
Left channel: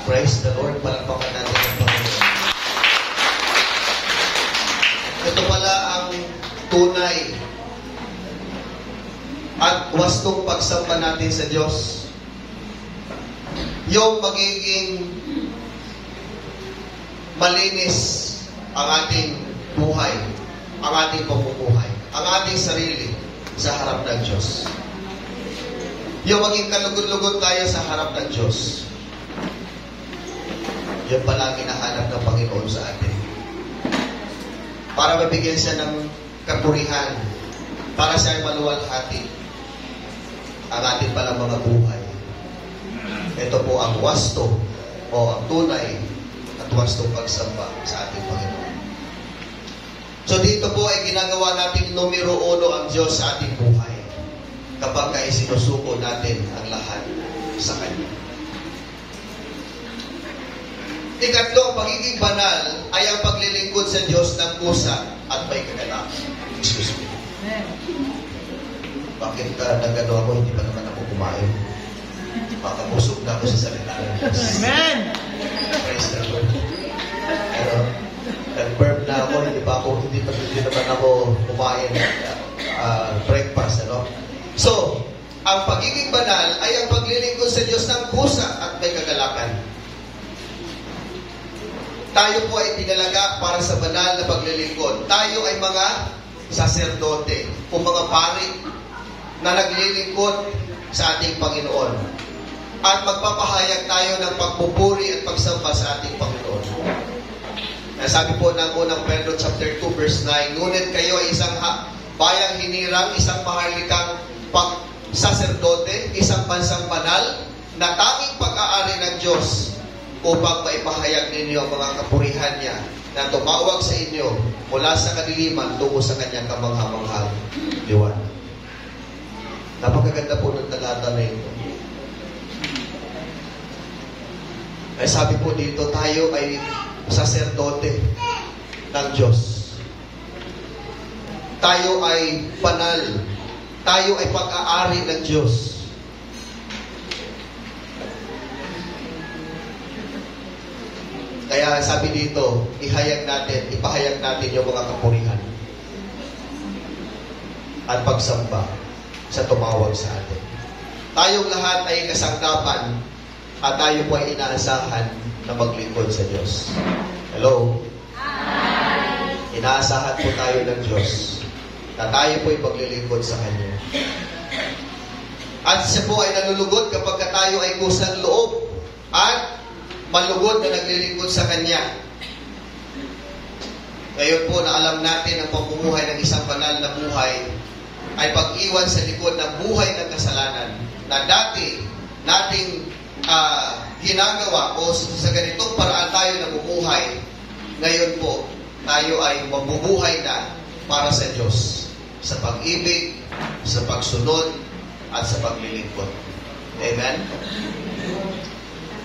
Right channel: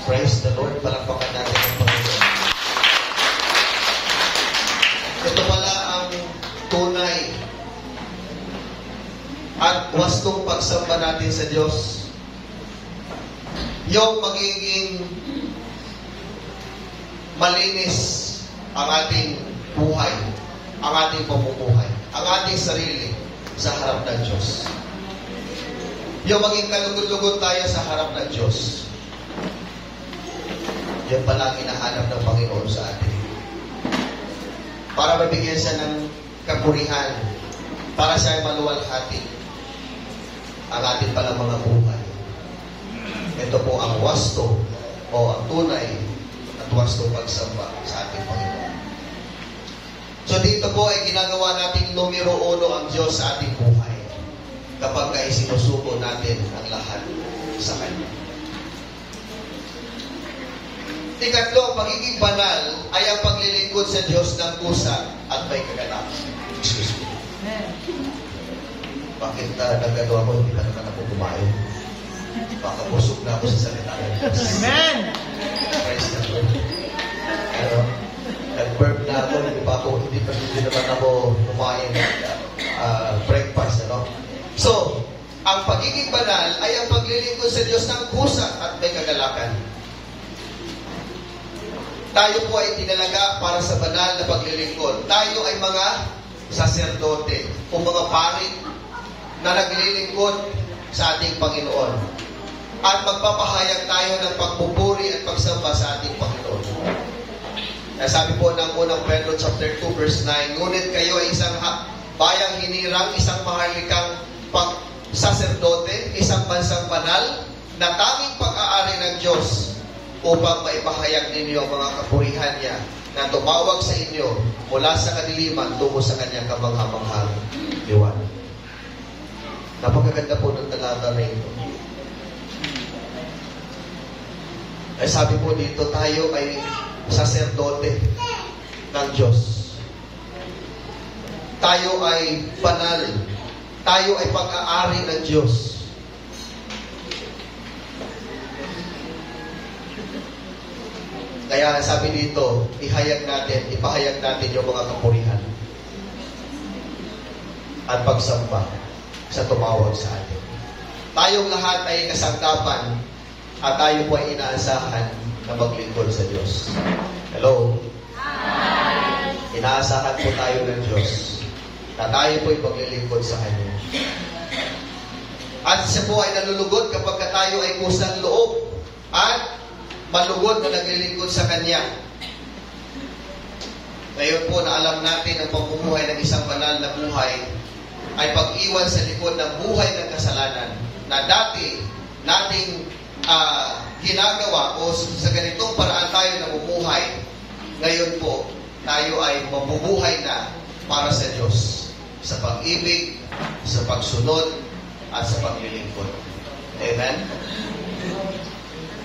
Praise the Lord. Palakpakan natin ang Panginoon. Ito pala ang tunay at wastong pagsamba natin sa Diyos. Yung magiging malinis ang ating buhay, ang ating pamumuhay, ang ating sarili sa harap ng Diyos. Yung maging kalugod-lugod tayo sa harap ng Diyos. Yun pala ang hinahanap ng Panginoon sa atin. Para mabigyan siya ng kapurihan, para siya ay maluwalhati ang ating palang mga buhay. Ito po ang wasto o ang tunay at wastong pagsamba sa ating Panginoon. So dito po ay ginagawa nating numero 1 ang Diyos sa ating buhay kapag ay sinusuko natin ang lahat sa Kanya. Ikatlo, ang pagiging banal ay ang paglilingkod sa Diyos ng kusa at may kagalakan. Excuse me. Bakit nagano ako? Hindi pa naman ako kumain. Baka busog na ako sa salita ng Diyos. Amen! Praise the Lord. Pero, nag-burp na ako, hindi naman ako kumain breakfast, ano? So, ang pagiging banal ay ang paglilingkod sa Diyos ng kusa at may kagalakan. Tayo po ay tinalaga para sa banal na paglilingkod. Tayo ay mga saserdote o mga pari na naglilingkod sa ating Panginoon. At magpapahayag tayo ng pagpupuri at pagsamba sa ating Panginoon. Sabi po ng unang Pedro chapter 2 verse 9, ngunit kayo ay isang bayang hinirang, isang mahalikang saserdote, isang bansang banal, na tanging pag-aari ng Diyos upang maipahayag ninyo ang mga kapurihan niya na tumawag sa inyo mula sa kadiliman tungo sa kanyang kamangha-manghang liwanag. Napakaganda po ng talata na ito. Ay sabi po dito, tayo ay saserdote ng Diyos. Tayo ay banal. Tayo ay pag-aari ng Diyos. Kaya sabi dito, ipahayag natin yung mga kapurihan at pagsamba sa tumawag sa atin. Tayong lahat ay kasangkapan at tayo po ay inaasahan na maglingkod sa Diyos. Hello? Hi! Inaasahan po tayo ng Diyos na tayo po ay maglilingkod sa Kanya. At siya po ay nalulugod kapag tayo ay kusang loob at malugod na naglilingkod sa Kanya. Ngayon po na alam natin ang pamumuhay ng isang banal na buhay ay pag-iwan sa likod ng buhay ng kasalanan na dati nating ginagawa o sa ganitong paraan tayo namumuhay. Ngayon po, tayo ay mabubuhay na para sa Diyos sa pag-ibig, sa pagsunod, at sa paglilingkod. Amen?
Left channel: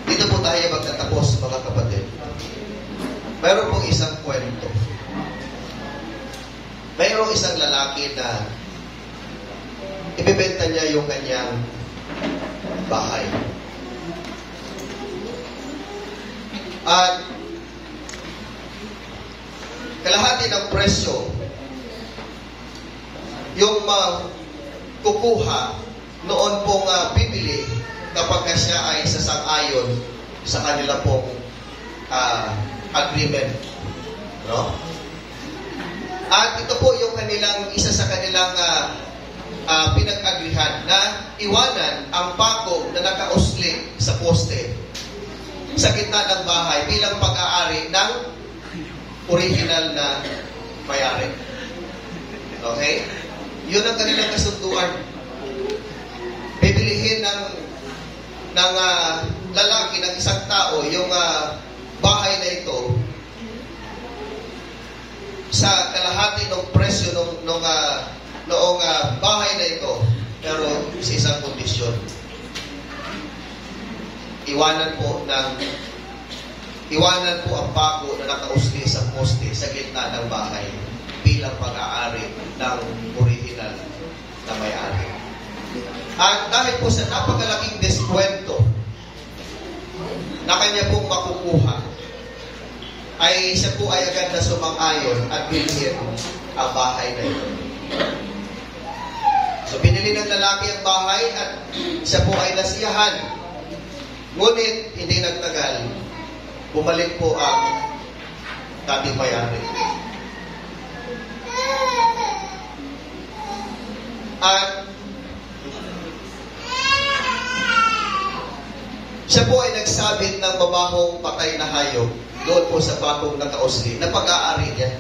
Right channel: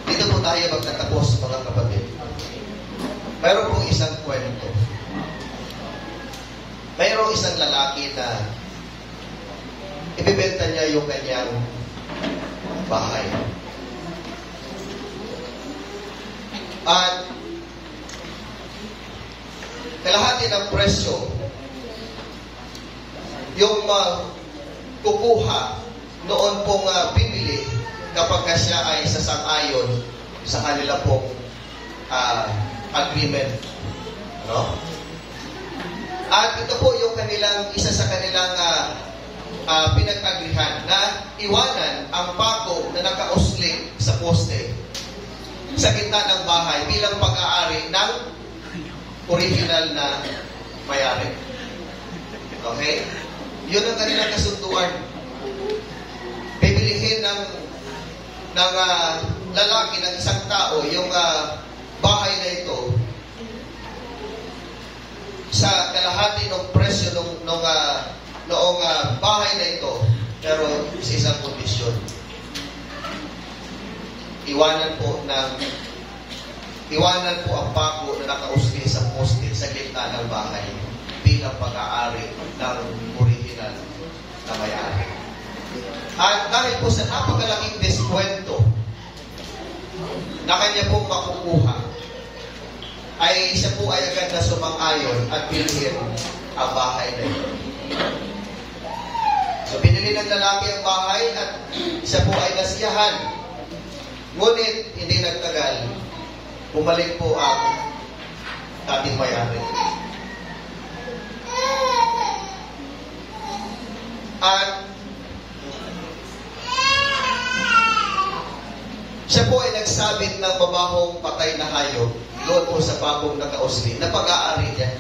Dito po tayo magtatapos, mga kapatid. Mayroon pong isang kwento. Mayroong isang lalaki na ibibenta niya yung kanyang bahay. At kalahati ng presyo yung kukuha noon pong bibili kapag siya ay sasang-ayon sa kanila pong agreement. No? At ito po yung isa sa kanilang pinag-agrihan na iwanan ang pako na nakausling sa poste sa gitna ng bahay bilang pag-aari ng original na may-ari. Okay? Yun ang kanilang kasunduan. Bibilihin ng lalaki, ng isang tao, yung bahay na ito sa kalahati ng presyo noong bahay na ito, pero sa isang kondisyon. Iwanan po ang pako na nakausli sa poste sa gitna ng bahay bilang pag-aari ng original na may-ari. At dahil po sa napakalaking deskwento na kanya pong makukuha, ay siya po ay agad na sumang-ayon at bilhin ang bahay na ito. So binili ng lalaki ang bahay at siya po ay nasiyahan. Ngunit hindi nagtagal, bumalik po ang dating may-ari. At siya po ay nagsabit ng babahong patay na hayop doon po sa bakong nakausli na pag-aari niya.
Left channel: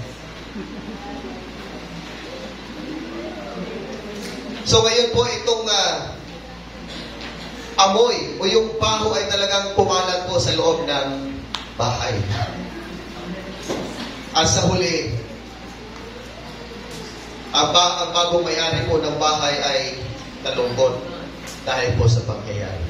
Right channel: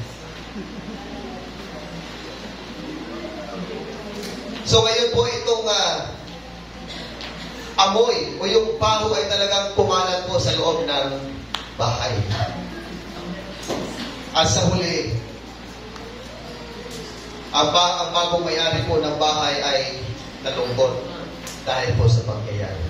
So ngayon po itong amoy o yung baho ay talagang pumalat po sa loob ng bahay. At sa huli, ang bagong may-ari po ng bahay ay nalungkot dahil po sa pangyayari.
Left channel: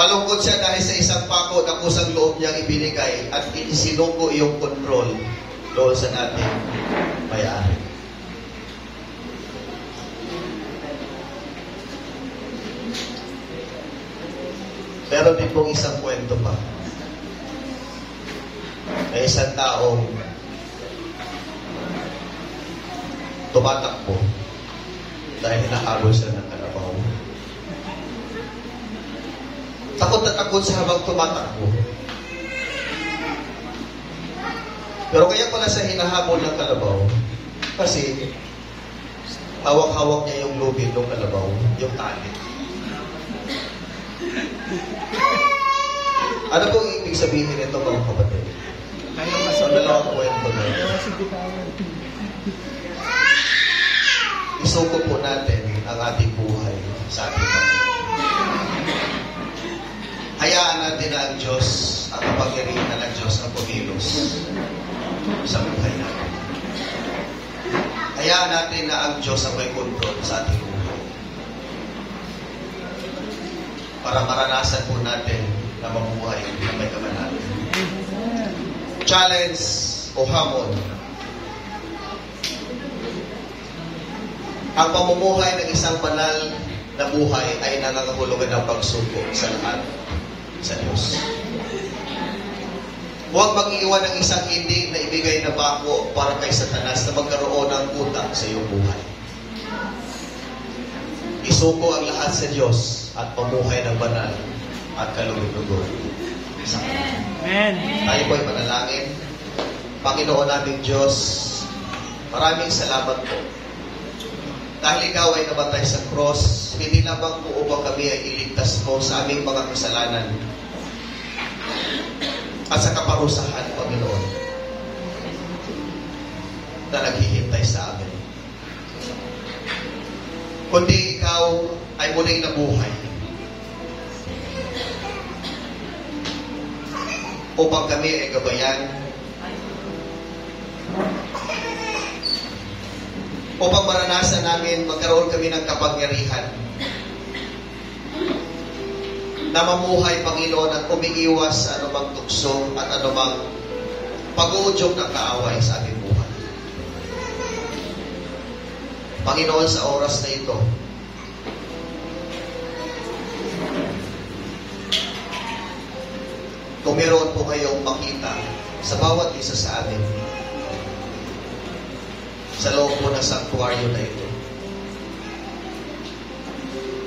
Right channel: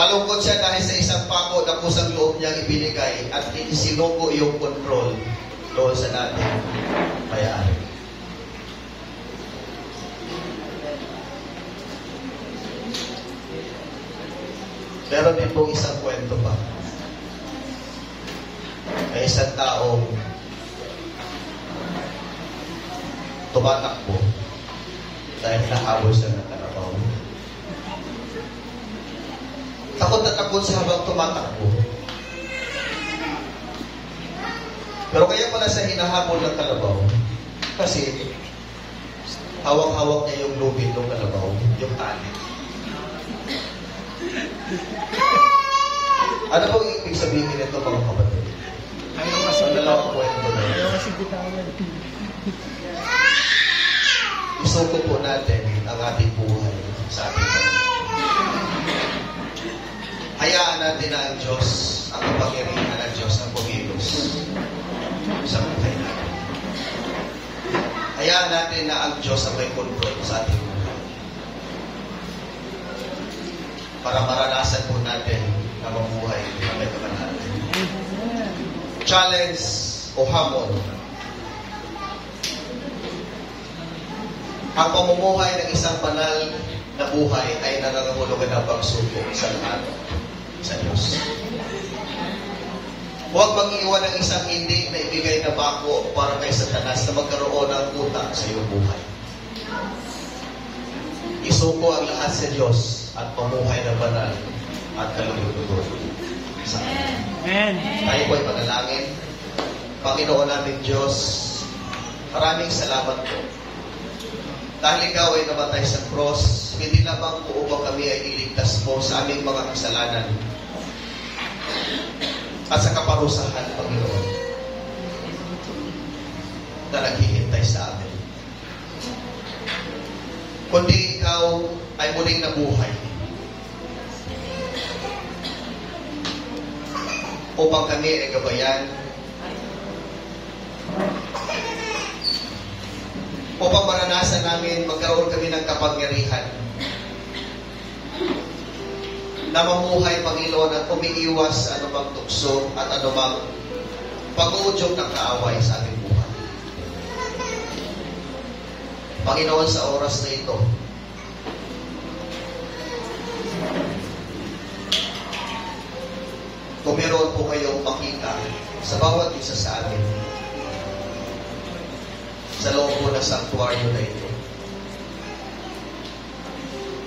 Malungkot siya dahil sa isang pako na kusang loob niyang ibinigay at isinuko yung control doon sa nating may-ari. Meron din pong isang kwento pa. May isang taong tumatakbo dahil nakalo siya ng kalabaw. Takot na takot siya habang tumatakbo. Pero kaya pala siya hinahabol ng kalabaw kasi hawak-hawak niya yung lubid ng kalabaw, yung tali. Ano pong ibig sabihin nito, mga kapatid? Ano lang ang kwento na isuko po natin ang ating buhay sa ating Panginoon. Hayaan natin na ang Diyos, ang kapangyarihan ng Diyos ang kumilos sa buhay natin. Hayaan natin na ang Diyos ang may kontrol sa ating buhay. Para maranasan po natin na mabuhay na may kamanalan. Challenge o hamon. Ang pamumuhay ng isang banal na buhay ay nangangahulugan ng pagsubok sa lahat sa Diyos. Huwag mag-iwan ng isang hindi na ibigay na bako para kay Satanas na magkaroon ng utang sa iyong buhay. Isuko ang lahat sa Diyos at pamuhay na banal at kalugod-lugod sa Kanya. Amen. Tayo po'y manalangin. Panginoon nating Diyos, maraming salamat po. Dahil Ikaw ay namatay sa cross, hindi lamang po upang kami ay iligtas mo sa aming mga kasalanan at sa kaparusahan, Panginoon, na naghihintay sa amin. Kundi Ikaw ay muling nabuhay upang kami ay gabayan upang maranasan namin magkaroon kami ng kapangyarihan na mamuhay, Panginoon, at umiiwas sa anumang tukso at anumang pag-uudyok ng kaaway sa aming buhay. Panginoon, sa oras na ito, kung meron po kayong makita sa bawat isa sa amin, sa loob po ng sanctuaryo na ito,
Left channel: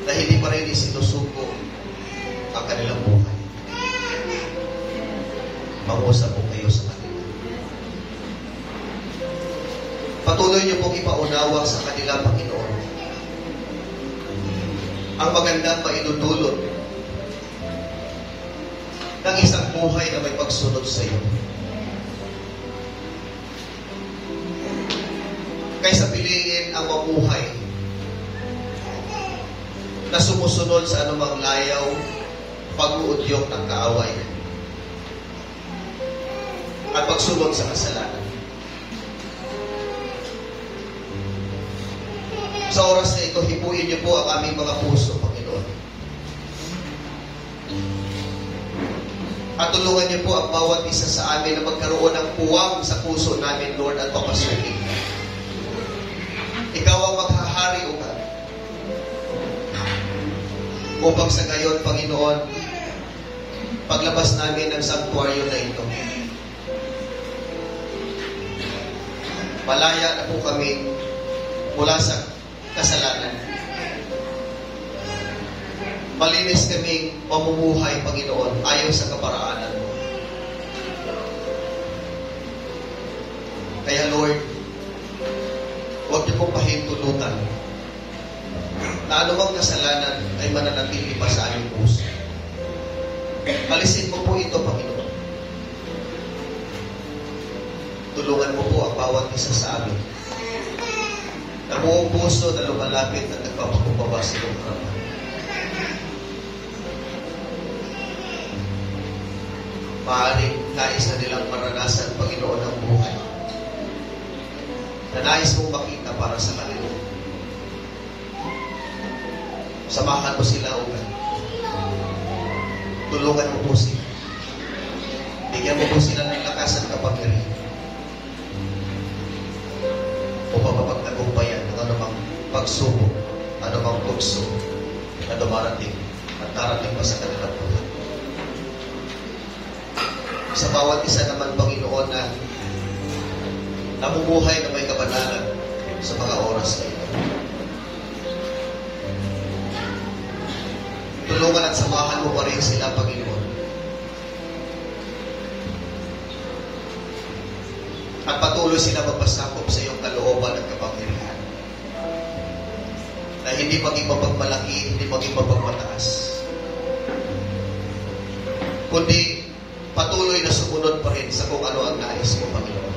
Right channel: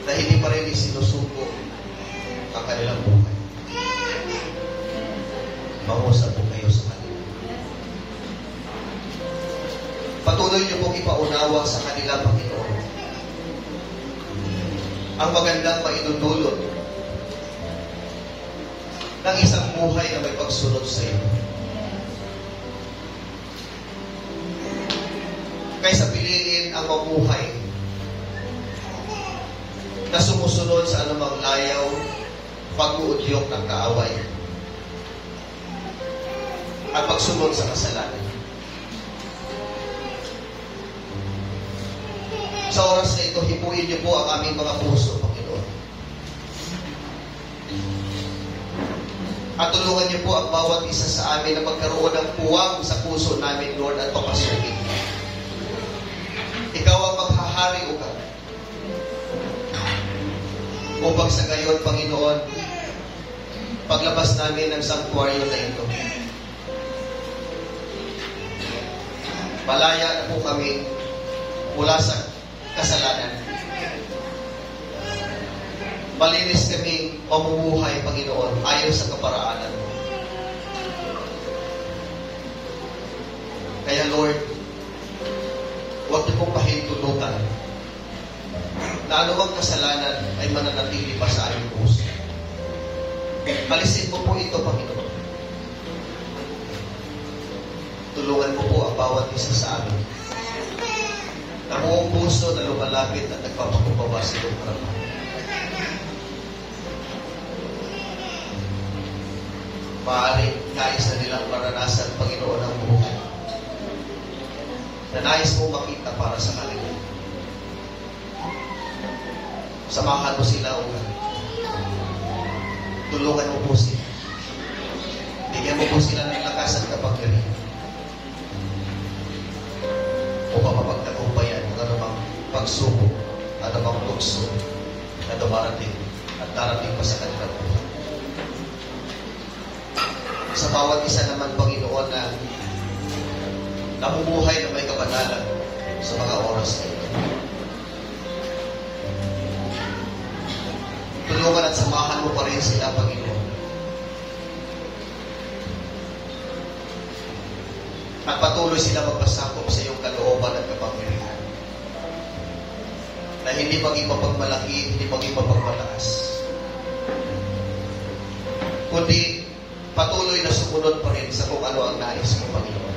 na hindi pa rin isinusuko ang kanilang buhay, mangusap po kayo sa kanila. Patuloy niyo pong ipaunawa sa kanila, Panginoon, ang magandang maidudulot ng isang buhay na may pagsunod sa iyo. Kaysa piliin ang mamuhay na sumusunod sa anumang layaw, pag-uudyok ng kaaway, at pagsunod sa kasalanan. Sa oras na ito, hipuin niyo po ang aming mga puso, Panginoon. At tulungan niyo po ang bawat isa sa amin na magkaroon ng puwang sa puso namin, Lord, at papasukin ka. Ikaw ang maghahari, O God. Upang sa gayon, Panginoon, paglabas namin ng sanctuaryo na ito, malaya na po kami mula sa kasalanan. Malinis kaming mamumuhay, Panginoon, ayon sa kaparaanan mo. Kaya, Lord, huwag niyo pong pahintulutan na anumang kasalanan ay mananatili pa sa aming puso. Alisin mo po ito, Panginoon. Tulungan mo po ang bawat isa sa amin na buong puso na lumalapit at nagpapakubaba sa iyong harapan. Maaaring nais na nilang maranasan, Panginoon, ang buhay na nais mo makita para sa kanila. Samahan mo sila, O God. Tulungan mo po sila. Bigyan mo po sila ng lakas at kapangyarihan upang mapagtagumpayan ng anumang pagsubok, anumang tukso na dumarating at darating pa sa kanilang buhay. Sa bawat isa naman, Panginoon, na namumuhay na may kabanalan sa mga oras na ito, tulungan at samahan mo pa rin sila, Panginoon. At patuloy sila magpasakop sa iyong kalooban at kapangyarihan. Na hindi maging mapagmalaki, hindi maging mapagmataas, kundi patuloy na sumunod pa rin sa kung ano ang nais mo, Panginoon.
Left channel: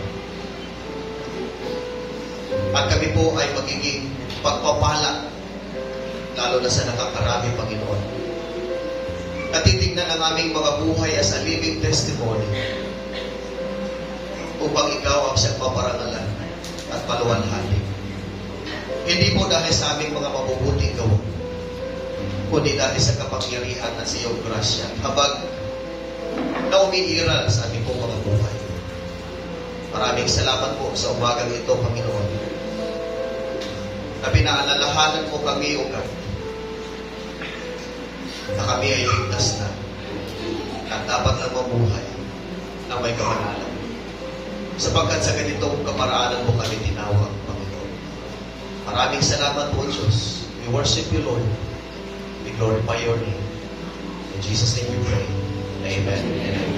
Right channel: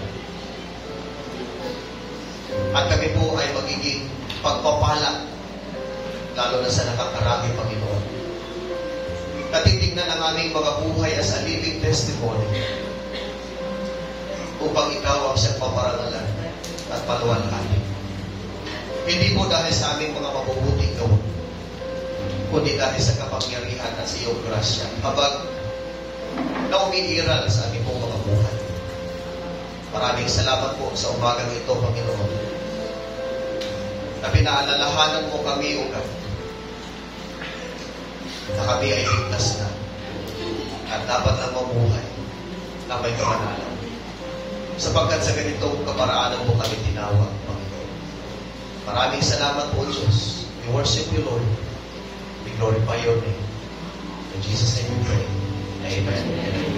At kami po ay magiging pagpapala, lalo na sa nakakarami, Panginoon. Natitignan ang aming mga buhay as a living testimony upang ikaw ang siyang maparangalan at paluwalhanin. Hindi po dahil sa aming mga mabubuting gawa, kundi dahil sa kapangyarihan at sa iyong grasya, habang na umiiral sa aming po mga buhay. Maraming salamat po sa umagang ito, Panginoon, na pinaalalahanan mo kami, O God, na kami ay ligtas na at dapat na mamuhay na may kamanalan. Sapagkat sa ganitong kaparaanan mo kami tinawag, Panginoon. Maraming salamat po, Diyos. We worship you, Lord. We glorify your name. In Jesus' name we pray. Amen.